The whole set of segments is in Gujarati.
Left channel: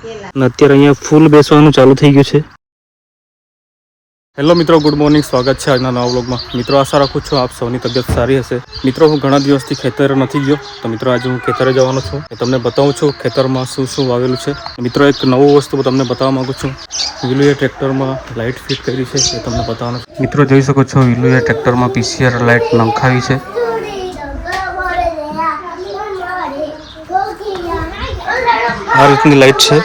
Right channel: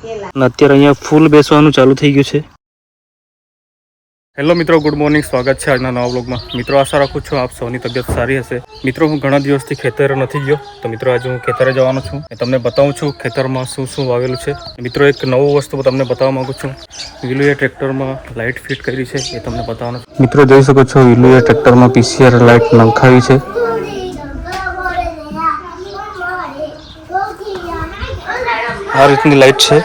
અત્યારે અહીંયા ફૂલ બેસવાનું ચાલુ થઈ ગયું છે. હેલો મિત્રો, ગુડ મોર્નિંગ. સ્વાગત છે આજના નવા બ્લોગમાં મિત્રો, આશા રાખું છું આપ સૌની તબિયત સારી હશે. મિત્રો, હું ઘણા દિવસથી ખેતરે નથી ગયો, તો મિત્રો, આજે હું ખેતરે જવાનો છું. તમને બતાવું છું ખેતરમાં શું શું વાવેલું છે. મિત્રો, એક નવું વસ્તુ તમને બતાવવા માંગુ છું. વિલુએ ટ્રેક્ટરમાં લાઇટ ફિટ કરી છે, એ તમને બતાવવાનું મિત્રો, જોઈ શકો છો, વિલુએ ટ્રેક્ટરમાં પીસીઆર લાઇટ નંખાવી છે. આ રીતની લાઇટ છે.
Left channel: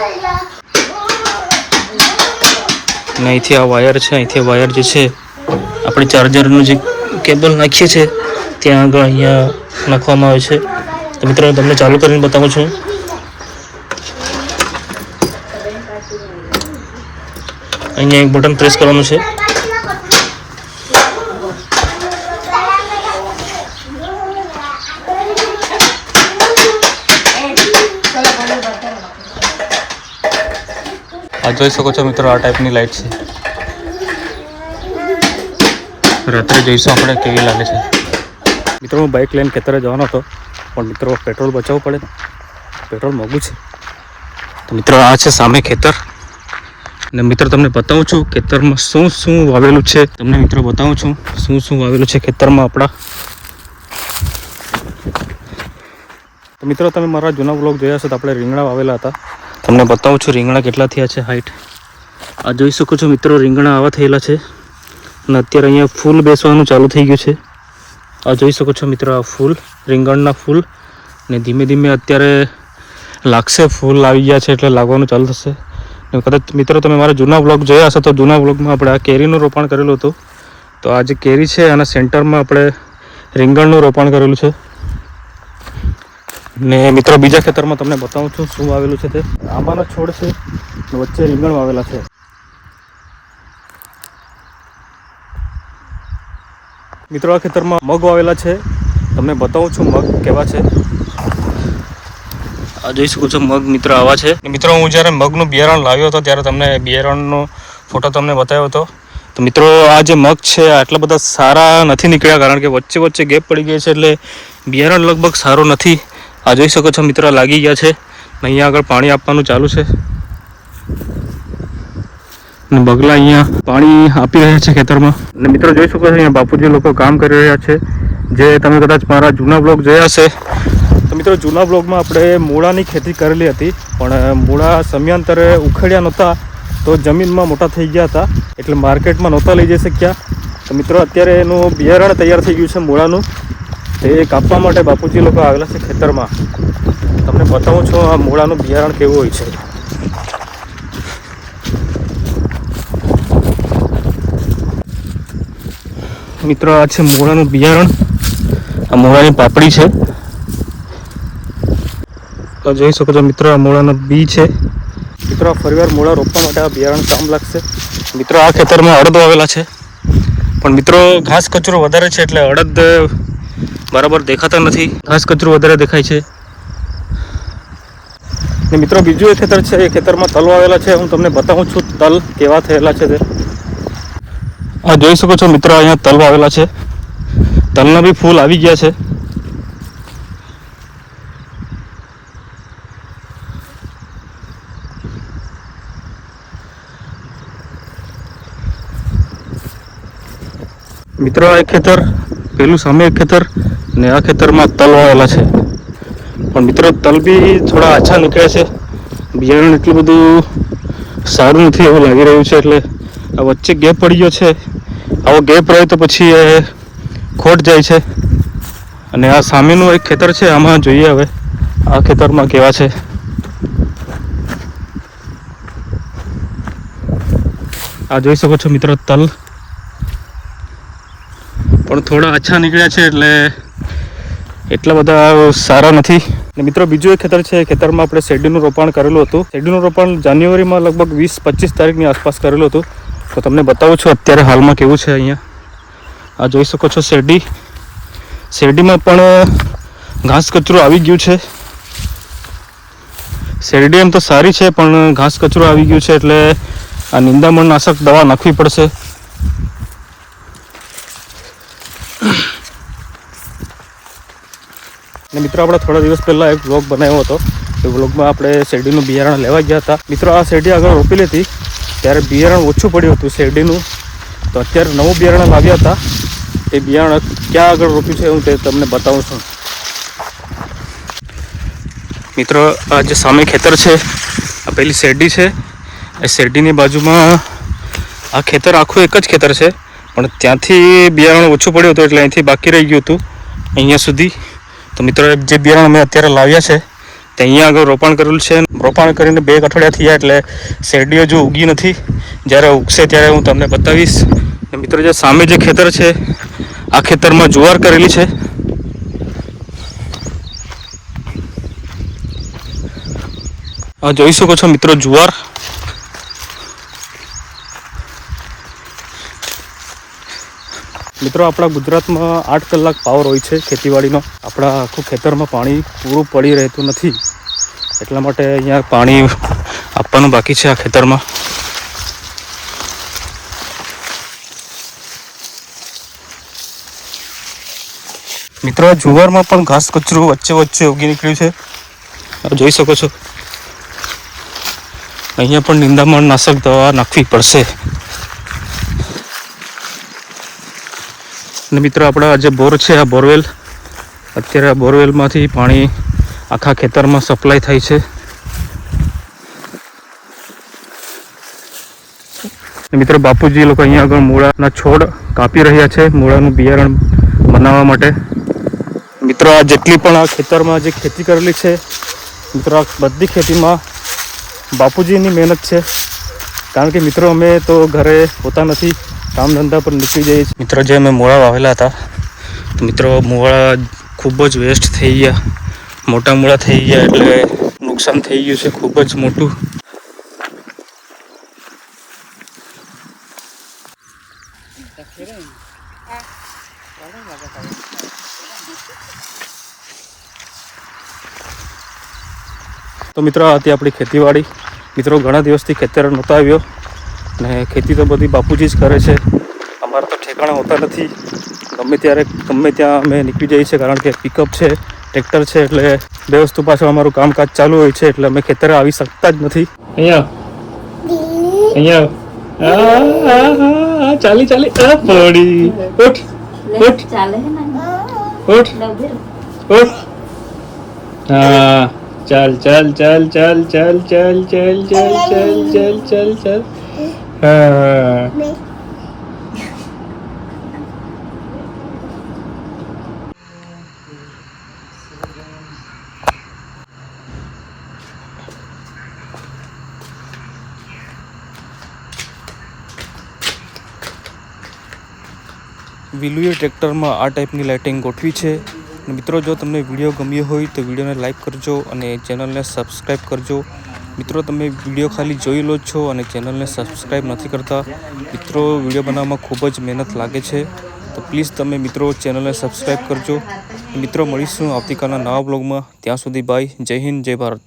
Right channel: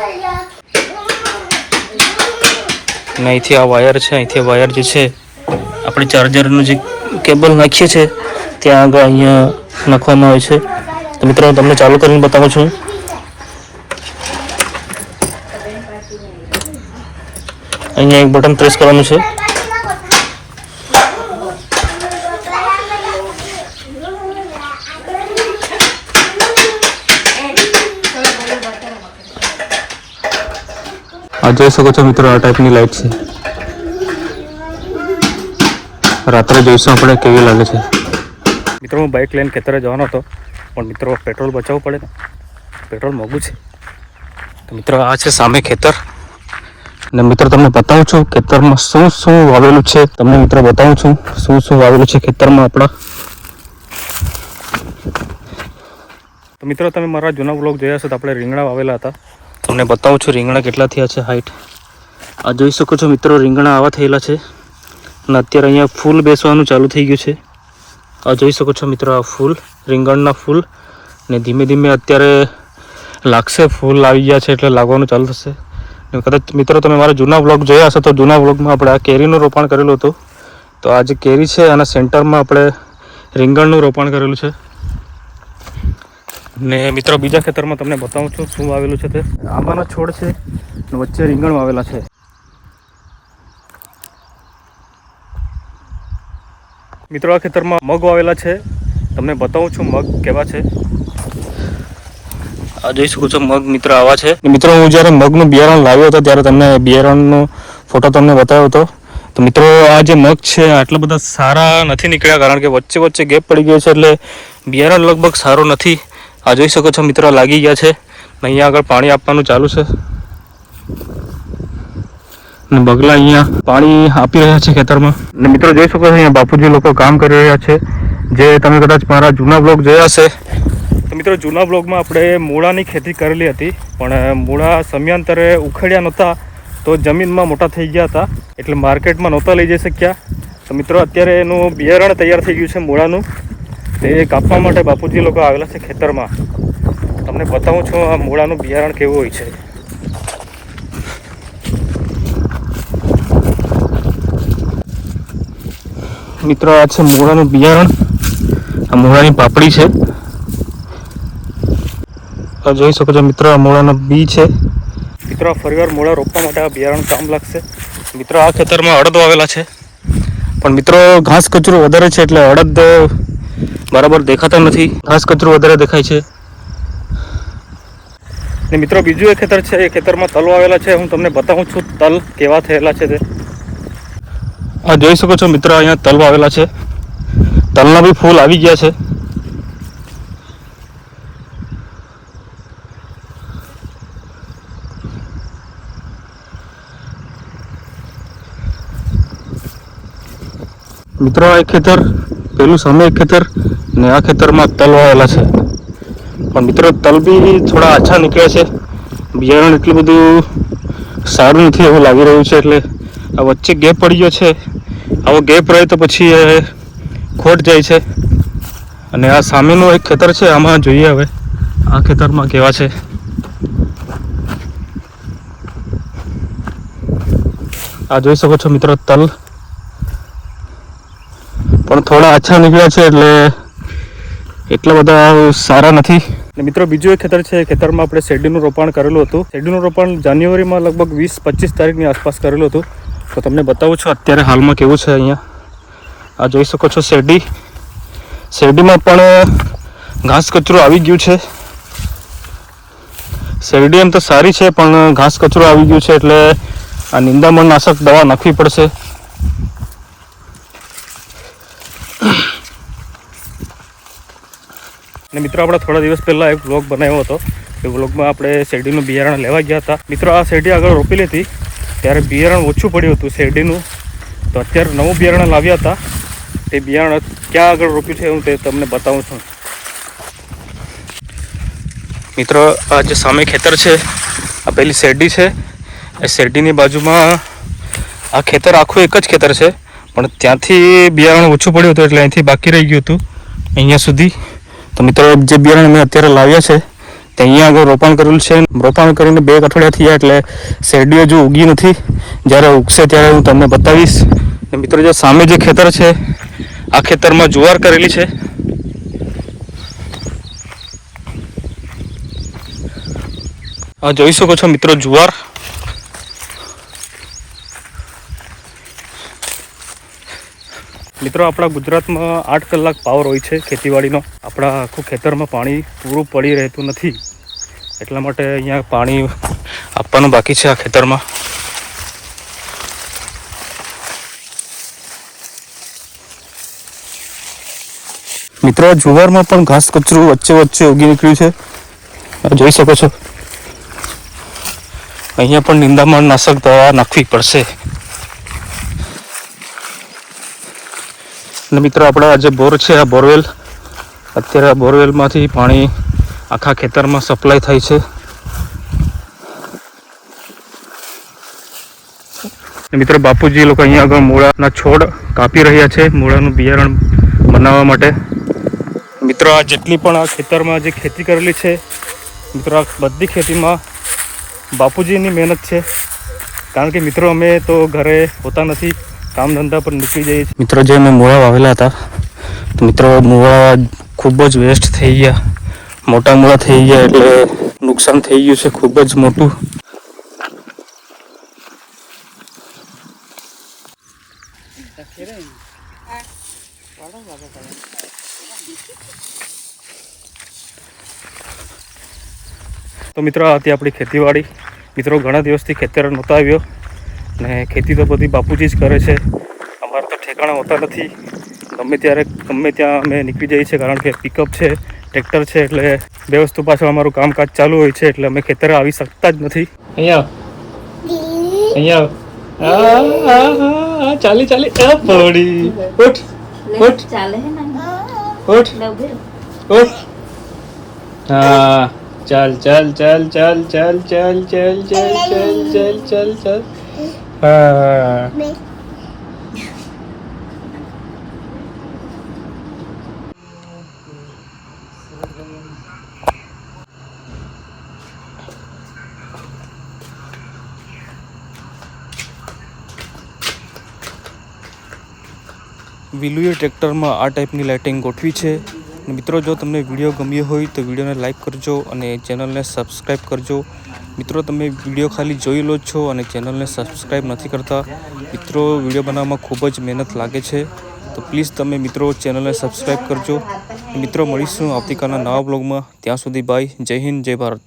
અને અહીંથી આ વાયર છે, અહીંથી વાયર જે છે, આપણે ચાર્જરનું જે કેબલ નાખીએ છીએ ત્યાં આગળ અહીંયા નાખવામાં આવે છે. તો મિત્રો તમને ચાલુ કરીને બતાવું છું. અહીંયા એક બટન પ્રેસ કરવાનું છે આ જોઈ શકો છો મિત્રો આ ટાઈપની લાઈટ છે. રાત્રે જોઈશું આપણે કેવી લાગે છે? મિત્રો, હું બાઇક લઈને ખેતરે જવાનો હતો, પણ મિત્રો, પેટ્રોલ બચાવવું પડે ને. પેટ્રોલ મોંઘું છે. તો મિત્રો, આ છે સામે ખેતર. અને મિત્રો, તમને બતાવું છું, ખેતરમાં શું શું વાવેલું છે. તમને મિત્રો બતાવું છું, શું શું વાવેલું છે ખેતરમાં આપણા. તો મિત્રો, તમે મારા જૂના બ્લોગ જોયા હશે તો આપણે રીંગણા વાવેલા હતા. તમને બતાવું છું રીંગણા કેટલા થયા છે હાઈટ આ જોઈ શકો છો મિત્રો, રીંગણા આવા થયેલા છે. અને અત્યારે અહીંયા ફૂલ બેસવાનું ચાલુ થઈ ગયું છે. આ જોઈ શકો છો મિત્રો, આ ફૂલ, રીંગણના ફૂલ. ને ધીમે ધીમે અત્યારે લાગશે, ફૂલ આવી ગયા છે એટલે લાગવાનું ચાલુ થશે. ને કદાચ મિત્રો, તમે મારા જૂના બ્લોગ જોયા હશે તો જૂના બ્લોગમાં આપણે આ કેરીનું રોપણ કરેલું હતું. તો આ જે કેરી છે, આના સેન્ટરમાં આપણે રીંગણનું રોપણ કરેલું છે. ને મિત્રો, બીજા ખેતરમાં તમને બતાવું છું શું વાવેલું છે તે. આંબાના છોડ છે ને વચ્ચે રીંગણ વાવેલા છે. મિત્રો, આ ખેતરમાં મગ વાવેલા છે. તમને બતાવું છું મગ કેવા છે. આ જોઈ શકો છો મગ મિત્ર આવા છે. મિત્રો, હું જ્યારે મગનું બિયારણ લાવ્યો હતો, ત્યારે તમને બિયારણનો ફોટો તમને બતાવ્યો હતો. તો મિત્રો, આ જે મગ છે આટલા બધા સારા નથી નીકળ્યા, કારણ કે વચ્ચે વચ્ચે ગેપ પડી ગયો છે, એટલે બિયારણ લગભગ સારું નથી. આ જોઈ શકો છો મિત્રો લાગી ગયા છે. ને અહીંયા આગળ પાણી આપવાનું ચાલુ છે. અને બગલા અહીંયા પાણી આપી રહ્યા છે ખેતરમાં. અને મિત્રો, જોઈ શકો છો અહીંયા બાપુજી લોકો કામ કરી રહ્યા છે. જે તમે કદાચ મારા જૂના બ્લોગ જોયા હશે. તો મિત્રો, જૂના બ્લોગમાં આપણે મૂળાની ખેતી કરેલી હતી. પણ મૂળા સમયાંતરે ઉખેડ્યા નહોતા. તો જમીનમાં મોટા થઈ ગયા હતા. એટલે માર્કેટમાં નહોતા લઈ જઈ શક્યા. તો મિત્રો, અત્યારે એનું બિયારણ તૈયાર થઈ ગયું છે મૂળાનું. તે કાપવા માટે બાપુજી લોકો આવેલા છે ખેતરમાં. તમને બતાવું છું આ મૂળાનું બિયારણ કેવું હોય છે. મિત્રો, આ છે મૂળાનું બિયારણ. આ મૂળાની પાપડી છે. જોઈ શકો છો મિત્રો, આ મૂળાનો બી છે. મિત્રો, આ ફરીવાર મૂળા રોપવા માટે આ બિયારણ કામ લાગશે. મિત્રો, આ ખેતરમાં અડદો આવેલા છે. પણ મિત્રો, ઘાસ કચરો વધારે છે એટલે અડદ બરાબર દેખાતા નથી. ઘાસ કચરો વધારે દેખાય છે. ને મિત્રો બીજું એ ખેતર છે એ ખેતરમાં તલ વાવેલા છે. હું તમને બતાવું છું તલ કેવા થયેલા છે તે. આ જોઈ શકો છો મિત્રો અહીંયા તલ વાવેલા છે. તલના બી ફૂલ આવી ગયા છે. મિત્રો આ ખેતર પેલું સામે ખેતર ને આ ખેતરમાં તલ વાવેલા છે. પણ મિત્રો, તલ બી થોડા આછા નીકળ્યા છે. બિયારણ એટલું બધું સારું નથી એવું લાગી રહ્યું છે, એટલે આ વચ્ચે ગેપ પડી ગયો છે. આવો ગેપ રહે તો પછી એ ખોટ જાય છે. અને આ સામેનું એક ખેતર છે, આમાં જોઈએ હવે આ ખેતરમાં કેવા છે. આ જોઈ શકો છો મિત્રો, તલ પણ થોડા આછા નીકળ્યા છે એટલે એટલા બધા સારા નથી. ને મિત્રો, બીજું એક ખેતર છે, ખેતરમાં આપણે શેરડીનું રોપાણ કરેલું હતું. શેરડીનું રોપાણ જાન્યુઆરીમાં લગભગ વીસ પચીસ તારીખની આસપાસ કરેલું હતું. તો તમને બતાવું છું અત્યારે હાલમાં કેવું છે અહીંયા. આ જોઈ શકો છો શેરડી. શેરડીમાં પણ ઘાસ કચરો આવી ગયું છે. શેરડી એમ તો સારી છે, પણ ઘાસ કચરો આવી ગયું છે એટલે આ નિંદામણ નાશક દવા નાખવી પડશે. ને મિત્રો, આપણે થોડા દિવસ પહેલાં એક વ્લોગ બનાવ્યો હતો. એ વ્લોગમાં આપણે શેરડીનું બિયારણ લેવા ગયા હતા. મિત્રો, આ શેરડી આગળ રોપેલી હતી. ત્યારે બિયારણ ઓછું પડ્યું હતું શેરડીનું. તો અત્યારે નવું બિયારણ લાવ્યા હતા. એ બિયારણ ક્યાં આગળ રોપ્યું છે, હું તે તમને બતાવું છું. મિત્રો, આ જે સામે ખેતર છે, આ પેલી શેરડી છે. એ શેરડીની બાજુમાં આ ખેતર આખું એક જ ખેતર છે. પણ ત્યાંથી બિયારણ ઓછું પડ્યું હતું એટલે અહીંથી બાકી રહી ગયું હતું, અહીંયા સુધી. તો મિત્રો, જે બિયારણ અમે અત્યારે લાવ્યા છે, તે અહીંયા આગળ રોપણ કરેલું છે. રોપણ કરીને બે અઠવાડિયા થયા એટલે શેરડીઓ જો ઉગી નથી. જ્યારે ઉગશે ત્યારે હું તમને બતાવીશ. મિત્રો, જે સામે જે ખેતર છે, આ ખેતરમાં જુવાર કરેલી છે. જોઈ શકો છો મિત્રો, જુવાર. મિત્રો, આપણા ગુજરાતમાં આઠ કલાક પાવર હોય છે ખેતીવાડીનો. આપણા આખું ખેતરમાં પાણી પૂરું પડી રહેતું નથી. એટલા માટે અહીંયા પાણી આપવાનું બાકી છે આ ખેતરમાં. મિત્રો, જુગારમાં પણ ઘાસ કચરું વચ્ચે વચ્ચે ઉગી નીકળ્યું છે. જોઈ શકો છો. અહીંયા પણ નિંદામણ નાશક દવા નાખવી પડશે. અને મિત્રો, આપણા જે બોર છે, આ બોરવેલ, અત્યારે આ બોરવેલમાંથી પાણી આખા ખેતરમાં સપ્લાય થાય છે. મિત્રો, બાપુજી લોકો અહીંયા આગળ મૂળાના છોડ કાપી રહ્યા છે, મૂળાનું બિયારણ બનાવવા માટે. મિત્રો, આ જેટલી પણ આ ખેતરમાં જે ખેતી કરેલી છે, મિત્રો, આ બધી ખેતીમાં બાપુજીની મહેનત છે. કારણ કે મિત્રો, અમે તો ઘરે હોતા નથી. કામ ધંધા પર નીકળી જઈએ છીએ મિત્રો જે અમે મૂળા વાવેલા હતા. મિત્રો મૂળા ખૂબ જ વેસ્ટ થઈ ગયા. મોટા મોડા થઈ ગયા એટલે નુકસાન થઈ ગયું છે ખૂબ જ મોટું. તો મિત્રો હતી આપણી ખેતીવાડી. મિત્રો, ઘણા દિવસથી ખેતર નહોતો આવ્યો. ને ખેતી તો બધી બાપુજી જ કરે છે અમારા તો ઠેકાણા હોતા નથી ગમે ત્યારે ગમે ત્યાં અમે નીકળી જઈએ છીએ કારણ કે પિકઅપ છે ટ્રેક્ટર છે એટલે બે વસ્તુ પાછળ અમારું કામકાજ ચાલુ હોય છે એટલે અમે ખેતરે આવી શકતા જ નથી અહીંયા અહીંયા ચાલી ચાલી પડી ઉઠ ઉઠ ઉઠ ઉઠ હા ચાલ ચાલ ચાલ ચાલ ચાલ ચાલ ચાલ ચાલ ચાલ ચાલ ચાલ હા વિલુએ ટ્રેક્ટરમાં આ ટાઈપની લાઇટિંગ ગોઠવી છે. મિત્રો, જો તમને વીડિયો ગમ્યો હોય તો વિડીયોને લાઇક કરજો અને ચેનલને સબસ્ક્રાઈબ કરજો. મિત્રો, તમે વીડિયો ખાલી જોઈ લો છો અને ચેનલને સબસ્ક્રાઈબ નથી કરતા. મિત્રો, વીડિયો બનાવવામાં ખૂબ જ મહેનત લાગે છે. તો પ્લીઝ તમે મિત્રો ચેનલને સબસ્ક્રાઈબ કરજો. મિત્રો, મળીશું આવતીકાલના નવા બ્લોગમાં ત્યાં સુધી બાય જય હિન્દ, જય ભારત.